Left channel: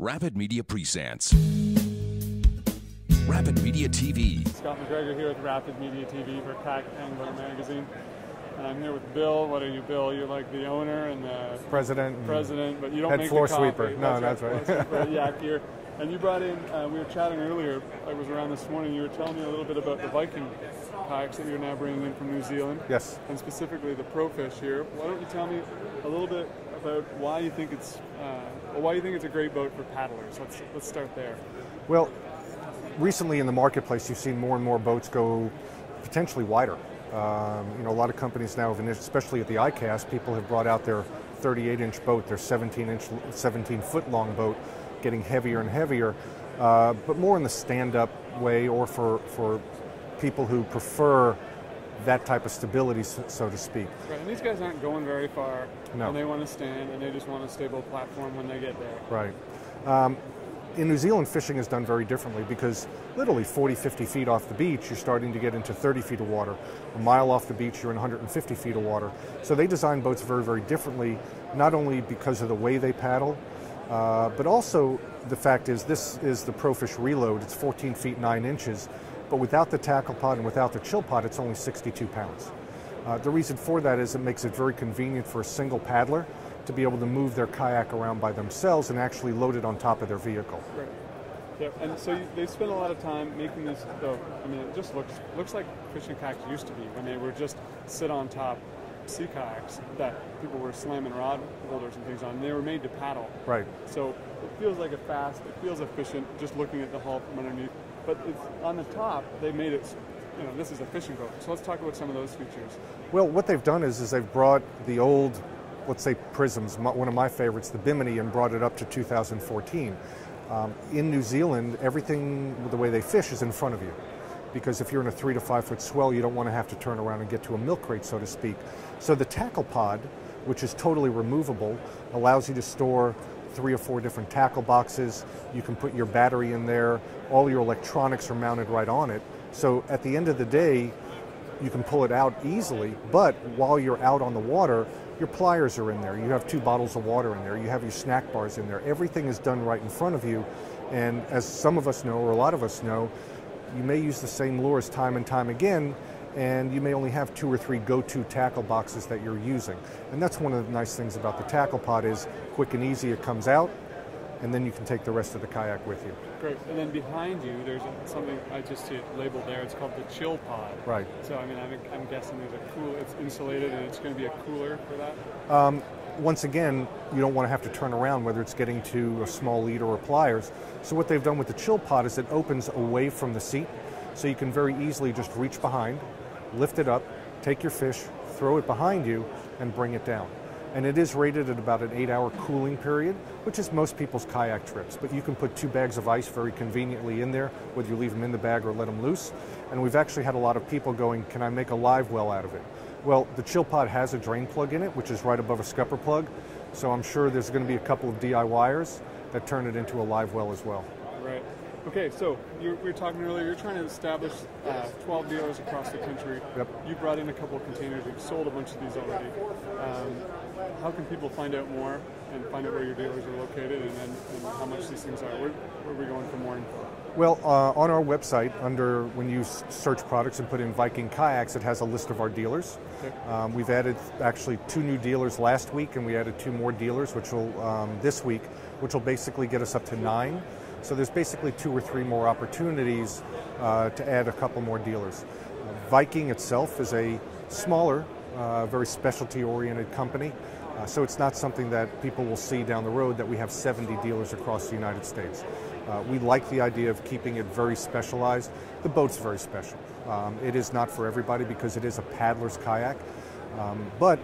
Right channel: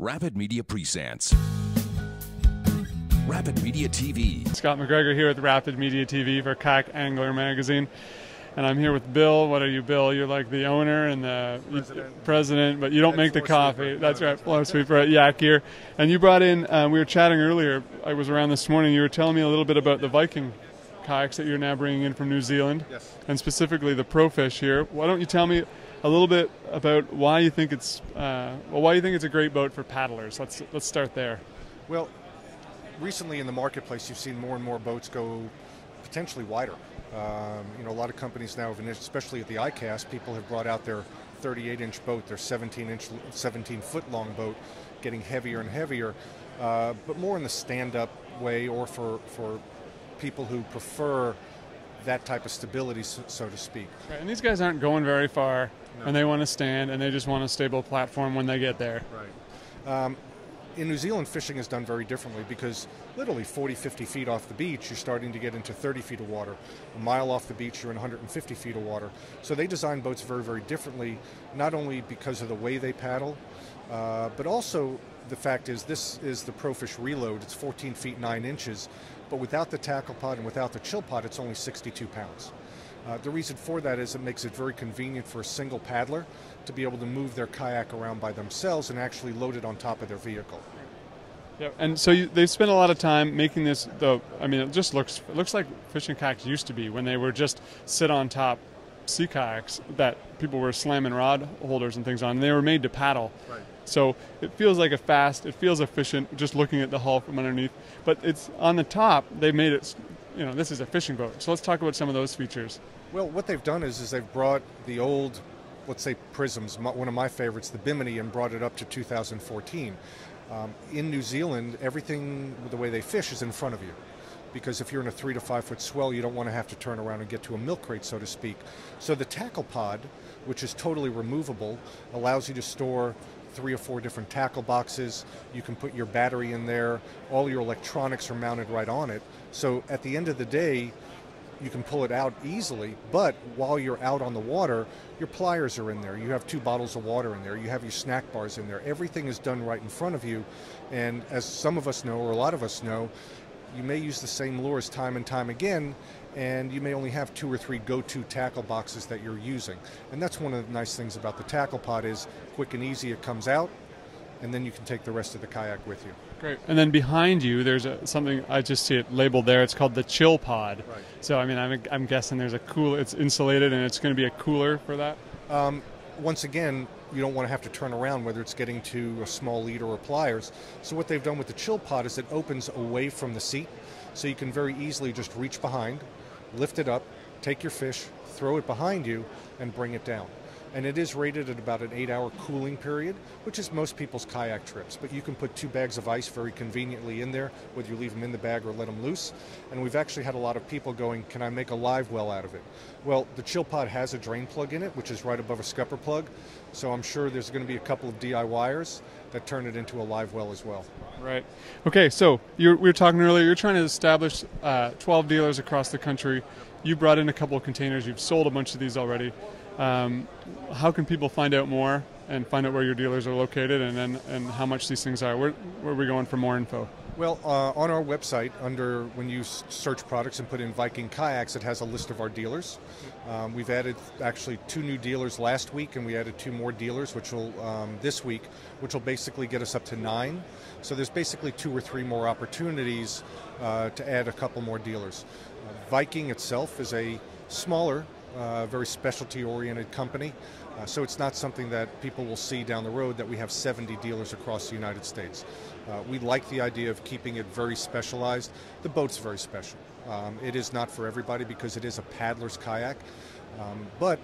Rapid Media presents Rapid Media TV. Scott McGregor here with Rapid Media TV for Kayak Angler Magazine. And I'm here with Bill. What are you, Bill? You're like the owner and the president, but you don't make the coffee. That's right, floor sweeper at Yak Gear. And you brought in, we were chatting earlier, I was around this morning, you were telling me a little bit about the Viking kayaks that you're now bringing in from New Zealand. Yes. And specifically the Profish here. Why don't you tell me a little bit about why you think it's a great boat for paddlers? Let's start there. Well, recently in the marketplace, you've seen more and more boats go potentially wider. A lot of companies now, especially at the ICAST, people have brought out their 38-inch boat, their 17-foot long boat, getting heavier and heavier, but more in the stand-up way, or for people who prefer that type of stability, so to speak. And these guys aren't going very far, no. And they want to stand, and they just want a stable platform when they get there. Right. In New Zealand, fishing is done very differently because literally 40, 50 feet off the beach, you're starting to get into 30 feet of water. A mile off the beach, you're in 150 feet of water. So they design boats very, very differently, not only because of the way they paddle, but also the fact is this is the Profish Reload. It's 14 feet 9 inches, but without the tackle pod and without the chill pod, it's only 62 pounds. The reason for that is it makes it very convenient for a single paddler to be able to move their kayak around by themselves and actually load it on top of their vehicle. Right. Yeah. And so they spent a lot of time making this, though. I mean, it just looks like fishing kayaks used to be when they were just sit on top sea kayaks that people were slamming rod holders and things on. And they were made to paddle. Right. So it feels like it feels efficient just looking at the hull from underneath. But it's on the top, they made it, this is a fishing boat. So let's talk about some of those features. Well, what they've done is they've brought the old, let's say, prisms, one of my favorites, the Bimini, and brought it up to 2014. In New Zealand, everything, the way they fish, is in front of you. Because if you're in a 3 to 5 foot swell, you don't want to have to turn around and get to a milk crate, so to speak. So the tackle pod, which is totally removable, allows you to store 3 or 4 different tackle boxes. You can put your battery in there. All your electronics are mounted right on it. So at the end of the day, you can pull it out easily, but while you're out on the water, your pliers are in there. You have 2 bottles of water in there. You have your snack bars in there. Everything is done right in front of you. And as some of us know, or a lot of us know, you may use the same lures time and time again, and you may only have 2 or 3 go-to tackle boxes that you're using. And that's one of the nice things about the tackle pod is quick and easy. It comes out, and then you can take the rest of the kayak with you. Great. And then behind you, there's something, I just see it labeled there. It's called the chill pod. Right. So, I mean, I'm guessing there's it's insulated and it's going to be a cooler for that? Once again, you don't want to have to turn around, whether it's getting to a small leader or pliers. So what they've done with the chill pod is it opens away from the seat, so you can very easily just reach behind, lift it up, take your fish, throw it behind you, and bring it down. And it is rated at about an 8-hour cooling period, which is most people's kayak trips. But you can put 2 bags of ice very conveniently in there, whether you leave them in the bag or let them loose. And we've actually had a lot of people going, can I make a live well out of it? Well, the chill pod has a drain plug in it, which is right above a scupper plug. So I'm sure there's going to be a couple of DIYers that turn it into a live well as well. Right. Okay, so we were talking earlier, you're trying to establish 12 dealers across the country. Yep. You brought in a couple of containers. You've sold a bunch of these already. How can people find out more and find out where your dealers are located and how much these things are? Where are we going for more info? Well, on our website, when you search products and put in Viking Kayaks, it has a list of our dealers. Okay. We've added actually 2 new dealers last week, and we added 2 more dealers this week, which will basically get us up to 9. So there's basically 2 or 3 more opportunities to add a couple more dealers. Viking itself is a smaller, very specialty-oriented company. So it's not something that people will see down the road that we have 70 dealers across the United States. We like the idea of keeping it very specialized. The boat's very special. It is not for everybody because it is a paddler's kayak. But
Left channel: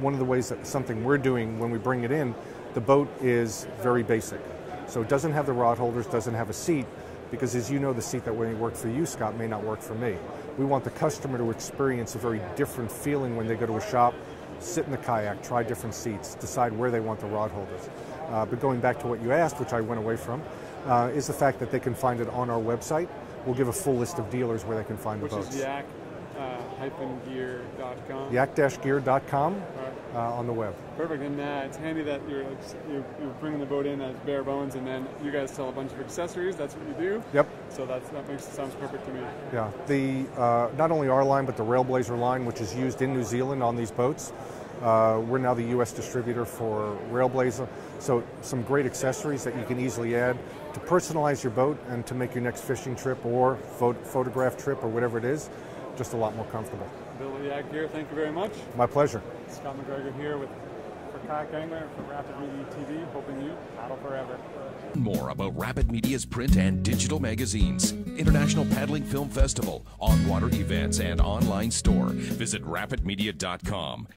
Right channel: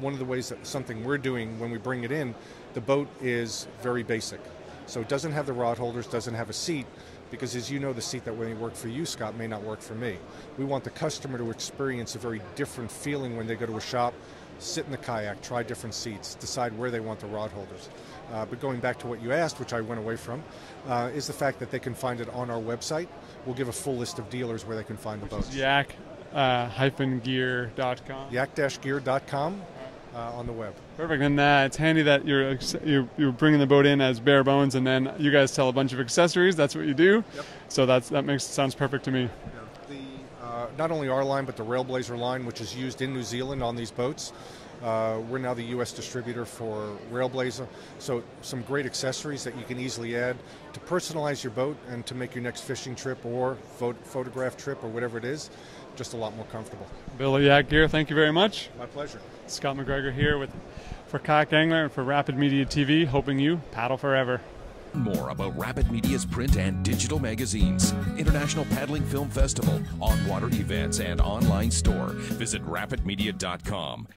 one of the ways that something we're doing when we bring it in, the boat is very basic. So it doesn't have the rod holders, doesn't have a seat, because as you know, the seat that may work for you, Scott, may not work for me. We want the customer to experience a very different feeling when they go to a shop, sit in the kayak, try different seats, decide where they want the rod holders. But going back to what you asked, which I went away from, is the fact that they can find it on our website. We'll give a full list of dealers where they can find the boats. Which is yak-gear.com. Yak-gear.com. on the web. Perfect, and it's handy that you're bringing the boat in as bare bones, and then you guys sell a bunch of accessories. That's what you do. Yep. So that sounds perfect to me. Yeah. Not only our line, but the Railblazer line, which is used in New Zealand on these boats. We're now the U.S. distributor for Railblazer, so some great accessories that you can easily add to personalize your boat and to make your next fishing trip or photograph trip or whatever it is just a lot more comfortable. Bill Yak here, thank you very much. My pleasure. Scott McGregor here for Kayak Angler and for Rapid Media TV, hoping you paddle forever. More about Rapid Media's print and digital magazines, International Paddling Film Festival, on-water events, and online store. Visit rapidmedia.com.